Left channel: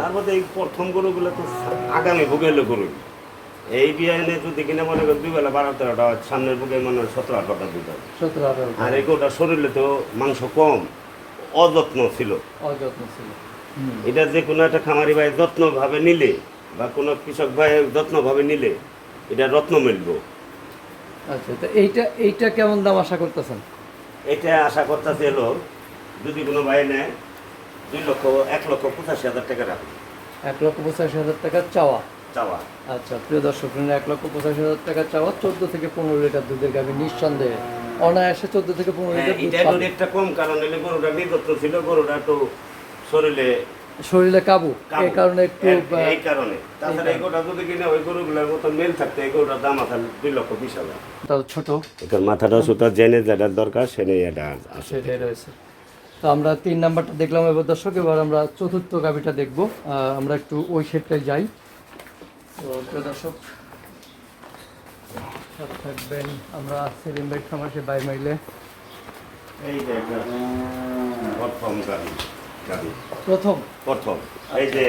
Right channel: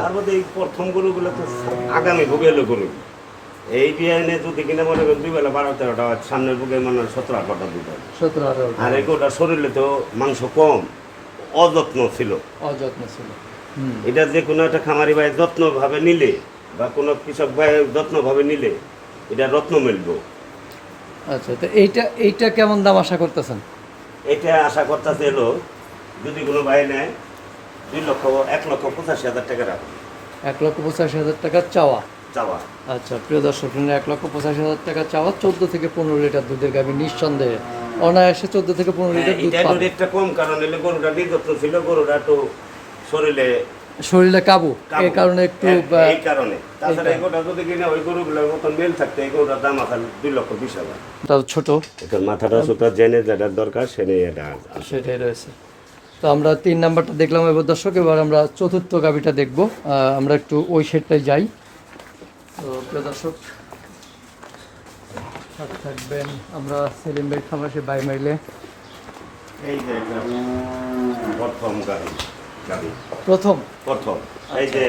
তার মধ্যে এই প্রথম গরুগুলো তো আগামী গরু এই বিয়ানে যদি কিনে মনে করেন দুই বেলা বারো তেরোটা সামনের ভোগে মনে হয় সতেরো আঠারোটা দুধ সতেরো আর শরীরে তো মাংস কম অযত্ন ছিল। অযত্ন ছিল। এটা যে কোনো একটা খামারি ভাই যত্নভাবে নিলে বা কোনো কৃষক ভাই যত্নভাবে নিলে এটা রত্ন মিলবো। আচ্ছা তো এইটা এইটা কেমন দাম আশা করতেছেন? এটা আশা করতেছে এলো যদি কোনো ভাই নেয় দুই লক্ষ এক লক্ষ পঁচাশি হাজার টাকা এক লক্ষ পঁচাশি হাজার টাকা চাওয়া। চাওয়া। আচ্ছা প্রিয় দর্শক এক লক্ষ পঁচাশি হাজার টাকা চাওয়া চোদ্দ থেকে পনেরো লিটার দুধের গাভী নিঃসন্দেহে। অনায়াসে চোদ্দ থেকে পনেরো হ্যাঁ, লিটার দুধ। একটা কম কারণ গরুটা ছিল গরুটা একটু শরীরে শরীরে কাবু। এই কারণে একটু এই- কারণে। তাছাড়া এই গরুটা যদি কিনে ওই গরুগুলোর মতন মেল থাকতো এই গরুটার দাম দুই লক্ষ বিশ হাজার। ছোট। মাথাটা সুতা জেনে যেটা দরকার সেটা এটা সেটাই রয়েছে। তো আমরা তিন নাম্বারটা দেখলাম। এবার দর্শক এবার আমরা চতুর্থ গাভিটা দেখব। আমরা একটু ওই সেটটায় যাই। তো প্রিয় দর্শক থাকবেন আমরা সেলিম বেড খামাসে বাই মাইলে। এই যে প্রথম প্রথম? প্রথম। এই যে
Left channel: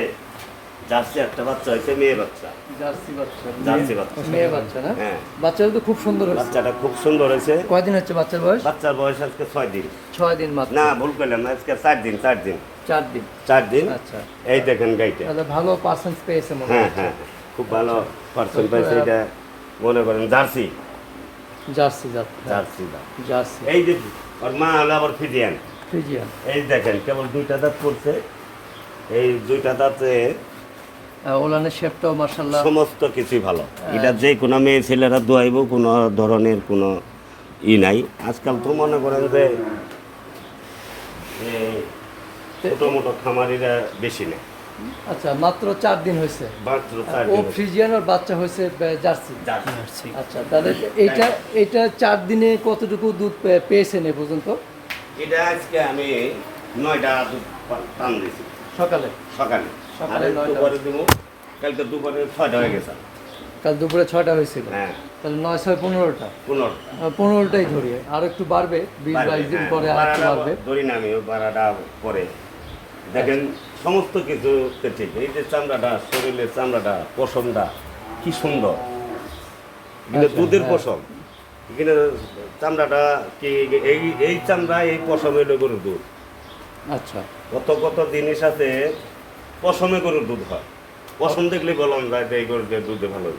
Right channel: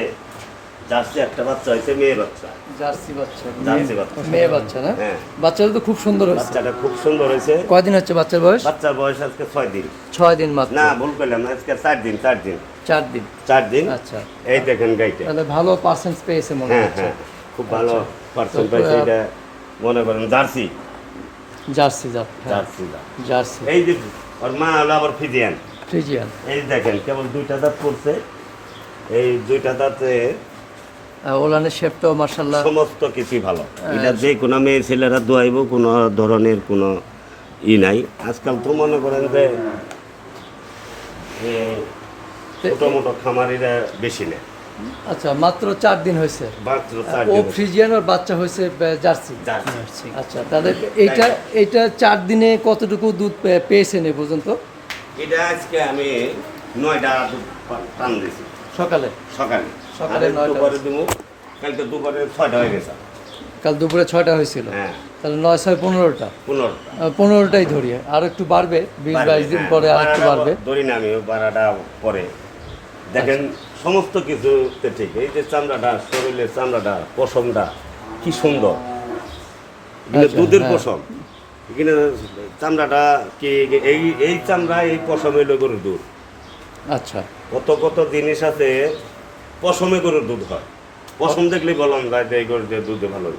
জার্সি একটা বাচ্চা হয়েছে মেয়ে বাচ্চা। জার্সি বাচ্চা জার্সি বাচ্চা। মেয়ে বাচ্চা না? হ্যাঁ। বাচ্চাটা তো খুব সুন্দর হয়েছে। বাচ্চাটা খুব সুন্দর হয়েছে। কয়দিন হচ্ছে বাচ্চার বয়স? বাচ্চার বয়স আজকে ছয় দিন। ছয় দিন মাত্র। না ভুল করলাম না, আজকে চার দিন চার দিন। চার দিন। চার দিন? আচ্ছা। এই দেখেন গাইটা তাহলে ভালো পার্সেন্স পেয়েছে মনে হ্যাঁ হ্যাঁ খুব ভালো পার্সেন্ট পাইছে এটা মনে করেন জার্সি। জার্সি জাত। Jersey jersey. এই যে ওর মা হলো আবার ফিজিয়ান। এই দেখেন কেবল দুইটা দাঁত পড়ছে। এই দুইটা দাঁতে ওলানের শেপটাও মার্শাল্লাহ সমস্ত কিছুই ভালো। এটা যে কোনো মেয়ে ছেলেরা দোয়াইব কোনো ধরনের কোনো ই নাই। আজকাল তো মনে করেন যে ছোটো মোটো খামারিরা বেশি নেয়। আচ্ছা মাত্র চার দিন হয়েছে। ও ফ্রিজিয়ান আর বাচ্চা হয়েছে জার্সি জার্সি। আচ্ছা তাহলে এইটা এইটা চার দিনে কতটুকু দুধ পেয়েছেন এ পর্যন্ত? এটা আজকে আমি নয়টা দুধ টান দিয়েছি। সকালে? সকালে। সকালে। দুপুরে দিব কালকে দুপুরে ছয়টা হয়ে গেছে। কাল দুপুরে ছয়টা হয়েছিল। হ্যাঁ। তাহলে নয় ছয় পনেরোটা। পনেরোটা। পনেরোটাই ধরি। আর একটু বাড়বে বিশ বাইশ দিন হ্যাঁ, পরে আর একটু বাড়বে। ধরি না আমি বারাটা পরে। দেখেন সমস্ত কিছু ঠিক। এই যে চামড়াটা শরীরের চামড়াটা পশমটা কি সুন্দর। আচ্ছা, দুধের হ্যাঁ। পশম। এখানে চামড়াটা কি এই এই চামড়া এই পশমে হলো গরুর দুধ। আচ্ছা। কত কত জিনিস আছে পশমে গরুর দুধ হয়। পশম দেখলে বললাম যায় যে এই গরুর দুধে ভালো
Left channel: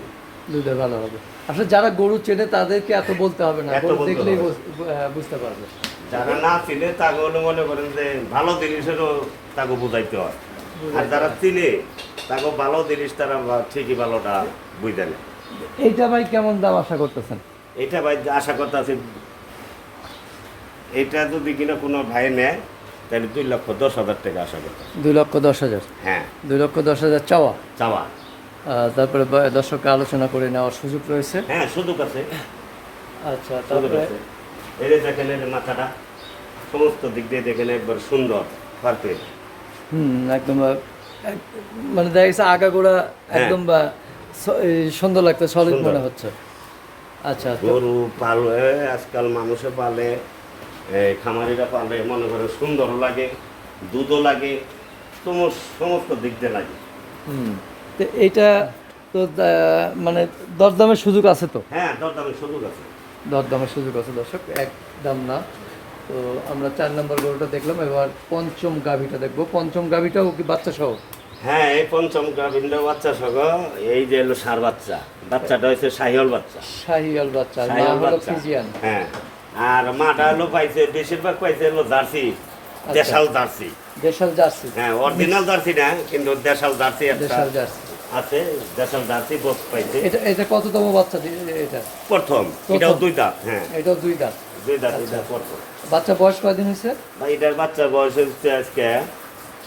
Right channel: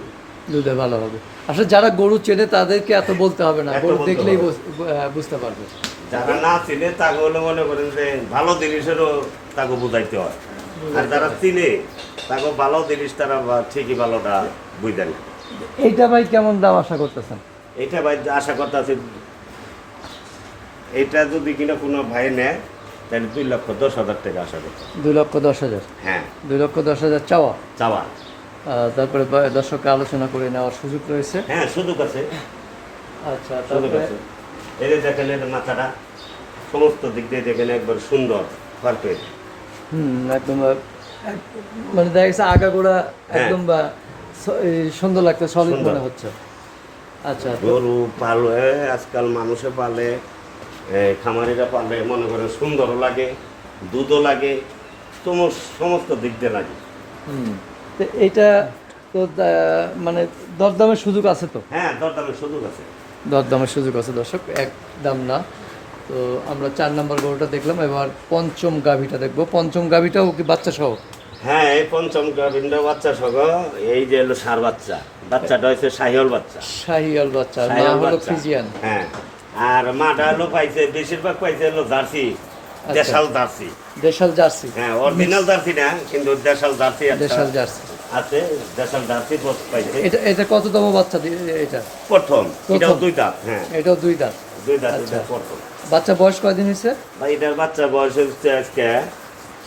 দুধে ভালো হবে। আসলে যারা গরু চেনে তাদেরকে এত বলতে হবে না। গরু দেখলেই হবে। বুঝতে পারবে। যারা না চিনে তাকে হলে মনে করেন যে ভালো জিনিসেরও তাকে বুঝাইতে হয়। আর যারা চিনে তাকে ভালো জিনিস তারা ঠিকই ভালোটা বুঝে নেয়। এইটা ভাই কেমন দাম আশা করতেছেন? এটা ভাই আশা করতে আছে এটা যদি কিনা কোনো ভাই নেয় তাহলে দুই লক্ষ দশ হাজার টাকা আশা করতে দুই লক্ষ দশ হাজার? হ্যাঁ। দুই লক্ষ দশ হাজার চাওয়া? চাওয়া। তারপরে দর্শককে আলোচনা করে নেওয়ার সুযোগ রয়েছে? হ্যাঁ সুযোগ আছে। আচ্ছা সুযোগ আছে। যে দেখেন এর মাথাটা সমস্ত দিক দিয়ে দেখেন একবার সুন্দর ফার্কের হুম একদম এক- মানে দেখা গেছে আগাগোড়া একদম বা সুন্দর লাগতে সলিড মনে হচ্ছে। আচ্ছা তো গরু পালে আজকাল মানুষে পালে খামারিরা পালে মনে করে সুন্দরও লাগে দুধও লাগে সমস- সমস্ত দিক দিয়ে লাগে। হুম। তো মানে দরদামের সুযোগ আছে তো? হ্যাঁ দরদামের সুযোগ আছে। দরদামের সুযোগ আছে দর্শক এক দাম না। তো আমরা চার নম্বর গরুটা দেখলাম এবার পঞ্চম গাভিটা দেখব। পঞ্চম গাভিটাও কি বাচ্চা সহ? হ্যাঁ এই পঞ্চম গাভিন্ড বাচ্চা সহ এই যে হলো সার বাচ্চা। বাচ্চাটা হচ্ছে সাহিওল বাচ্চা। শাহিয়াল বাচ্চা হলো বাচ্চা। ফিজিয়ান। হ্যাঁ। আর মাটা হলো পাইছে বেশিরভাগ পাইছে হলো জার্সি দেশাল জার্সি। দেশাল জার্সি। হ্যাঁ অরিজিনাল জার্সি না কিন্তু দেশাল জার্সি দেশাল জার্সি। আছে দেশাল জার্সি বোধ পাইছে। এটা এটা কততম বাচ্চা এটা? প্রথম। এটাও দুই দাঁত হ্যাঁ। এটাও দুই দাঁত। দুই দাঁত আচ্ছা। এটা প্রথম। বাচ্চা বয়স কয়দিন হয়েছে? বা এটার বাচ্চার বয়স হচ্ছে আজকে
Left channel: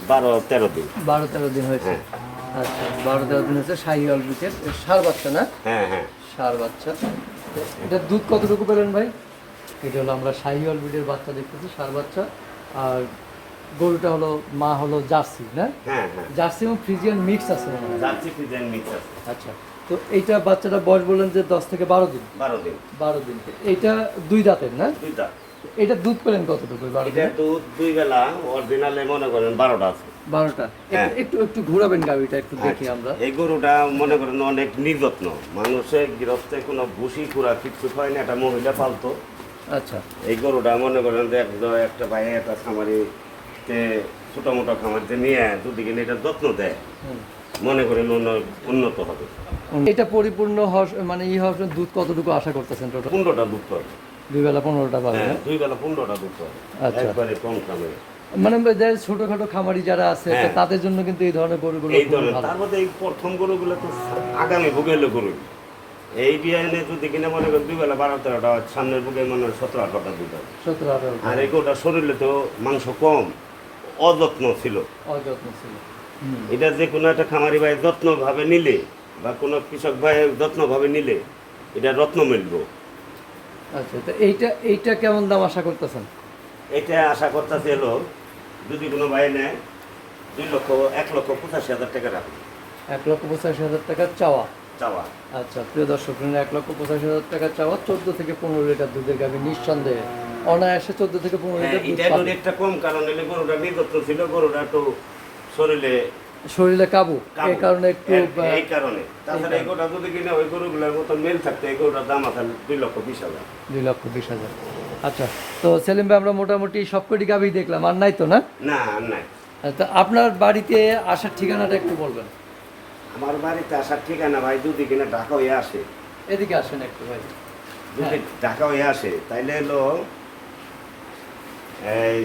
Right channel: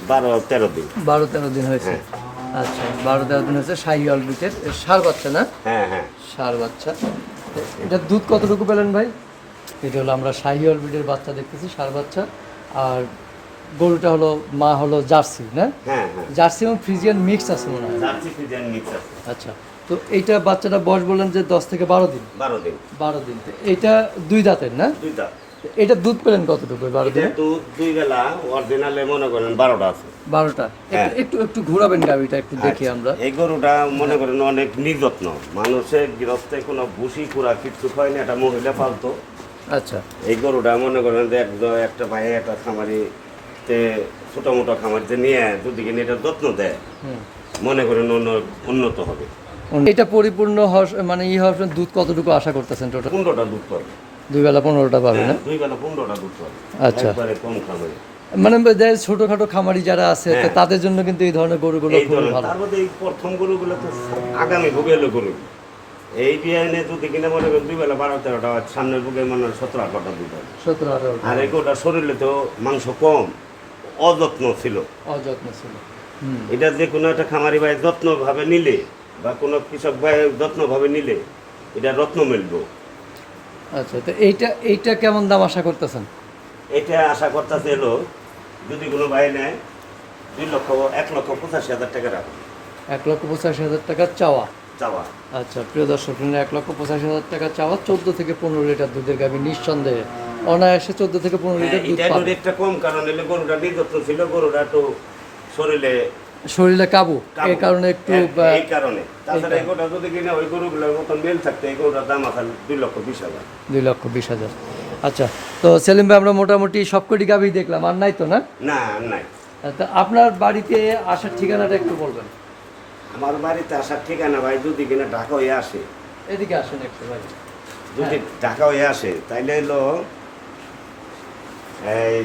বারো তেরো দিন। বারো তেরো দিন হয়েছে। আচ্ছা বারো তেরো দিন হয়েছে শাহিয়াল বিটের সার বাচ্চা না? হ্যাঁ হ্যাঁ। সার বাচ্চা। এটা দুধ কতটুকু পেলেন ভাই? এটা হলো আমরা শাহিওয়াল ব্রিডের বাচ্চা দেখতেছি সার বাচ্চা। আর গরুটা হলো মা হলো জার্সি না? হ্যাঁ হ্যাঁ। জার্সি এবং ফ্রিজিয়ান মিক্স আছে মনে হয়। জার্সি ফিজেন মিক্স আছে। আচ্ছা তো এইটা বাচ্চাটা বয়স বললেন যে দশ থেকে বারো দিন? বারো দিন। বারো দিন। এইটা দুই দাঁতের না? দুই দাঁত। এটা দুধ পেলেন কতটুকু বারো এটা দিনে? দুই বেলা অরিজিনালে মনে করেন বারোটা আছে। বারোটা। হ্যাঁ। একটু একটু একটু ঘোরাবেন গাড়িটা একটু দেখি আচ্ছা, আমরা। এই গরুটা মনে করেন অনেক নির্যত্ন। মানুষের গৃহস্থে কোনো ভুসি খুরা কিচ্ছু হয় না একটা মহিলা পালতো। আচ্ছা। এই গরুটা মনে করেন যে একদম একটা ভাই একটা খামারি তে ছোটো মোটো খামারিতে নিয়ে দুদিকে নিয়ে এটা যত্ন দেয়। মনে করেন উন্ন- উন্নত হবে। এটা পরিপূর্ণ মানে ই হওয়ার দুধ কতটুকু আশা করতেছেন টোটাল পনেরোটা দুধ পাবে। দুই বেলা পনেরোটা পাবে হ্যাঁ, না দুই বেলা পনেরোটা দুধ পাবে। আচ্ছা। একবারে কম খামারে মানে ছোটখাটো খামারি যারা আছে হ্যাঁ। তাদের জন্য কিন্তু এই ধরনের গরুগুলো এই ধরনের। তার মধ্যে এই প্রথম গরুগুলো তো আগামী ভোগে এলো গরু। এই বিয়ানে যদি কিনে মনে করেন দুই বেলা বারো তেরোটা সামনের বুকে মনে হয় সতেরো আঠারোটা দুধ হবে সতেরো আঠারো আর গরুটা শরীরে তো মাংস কম অযত্ন ছিল। অযত্ন ছিল। এটা যে কোনো একটা খামারি ভাই যত্নভাবে নিলে বা কোনো কৃষক ভাই যত্নভাবে নিলে এটা রত্ন মিলবো। আচ্ছা তো এইটা এইটা কেমন দাম আশা করতেছেন? এটা আশা করতেছে এলো যদি কোনো ভাই নেয় দুই লক্ষ এক লক্ষ পঁচাশি হাজার টাকা রাখবে। এক লক্ষ পঁচাশি হাজার টাকা চাওয়া। চাওয়া। আচ্ছা প্রিয় দর্শক এক লক্ষ পঁচাশি হাজার টাকা চাওয়া চোদ্দ থেকে পনেরো লিটার দুধের গাভী নিঃসন্দেহে। অনায়াসে চোদ্দ থেকে পনেরো হ্যাঁ, লিটার দুধ পাবে। একটা কম কারণ এলে গরুটা নির্যত্ন ছিল গরুটা একটু শরীরে শরীরে কাবু। এই কারণে একটু এই- কারণে। তাছাড়া এই গরুটা যদি কিনে ওই গরুগুলোর মতো মেল থাকতো এই গরুটার দাম আছে দুই লক্ষ বিশ হাজার। দুই লক্ষ বিশ হাজার। আচ্ছা তো সেলিম ভাই আমরা মোটামুটি সবকটি গাভী দেখলাম। আর নাই তো না? না আর নাই। তা আপনার বাড়িতে আসার ঠিকানাটা একটু বলবেন। আমার বাড়িতে আসার ঠিকানা ভাই যদি কিনে ঢাকা হয়ে আসে। এদিকে আসেন একটু ভাই। যদি ঢাকা হয়ে আসে তাইলে হলো এই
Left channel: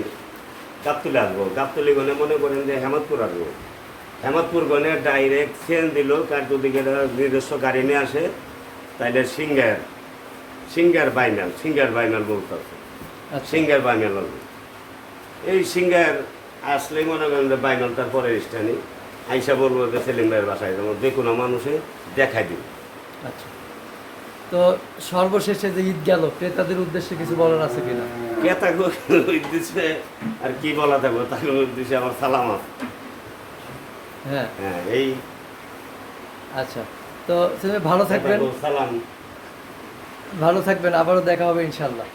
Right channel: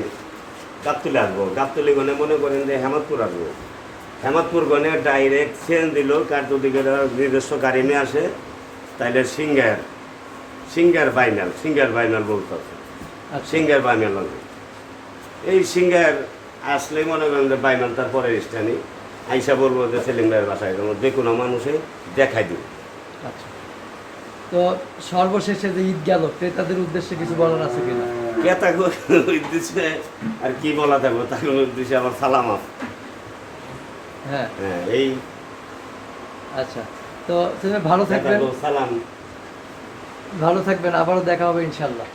গাবতলি আসব। গাবতলি গনে মনে করেন যে হেমাদপুর আসব। হেমতপুর গনে ডাইরেক্ট চেন দিল কার যদি নিজস্ব গাড়ি নিয়ে আসে তাইলে সিঙ্গার সিঙ্গার বাইমেল সিঙ্গার বাইমেল বলতে হবে। আচ্ছা। সিঙ্গার বাইমেল এই সিঙ্গার আসলে মনে করেন যে বাইমেল তার পরের স্থানে আইসা বলব যে সেলিম ভাইয়ের বাসায় যেমন যে কোনো মানুষে দেখাই দিই আচ্ছা। তো সর্বশেষে যে ঈদ গেল ক্রেতাদের উদ্দেশ্যে কিছু বলার আছে কিনা? কে থাকব উদ্দেশ্যে আর কি বলা থাকব তার উদ্দেশ্যে আমার সালাম আছে। হ্যাঁ। হ্যাঁ এই আচ্ছা। তো ভাই ভালো থাকবেন। সালাম। ভালো থাকবেন। আবারও দেখা হবে ইনশাল্লাহ।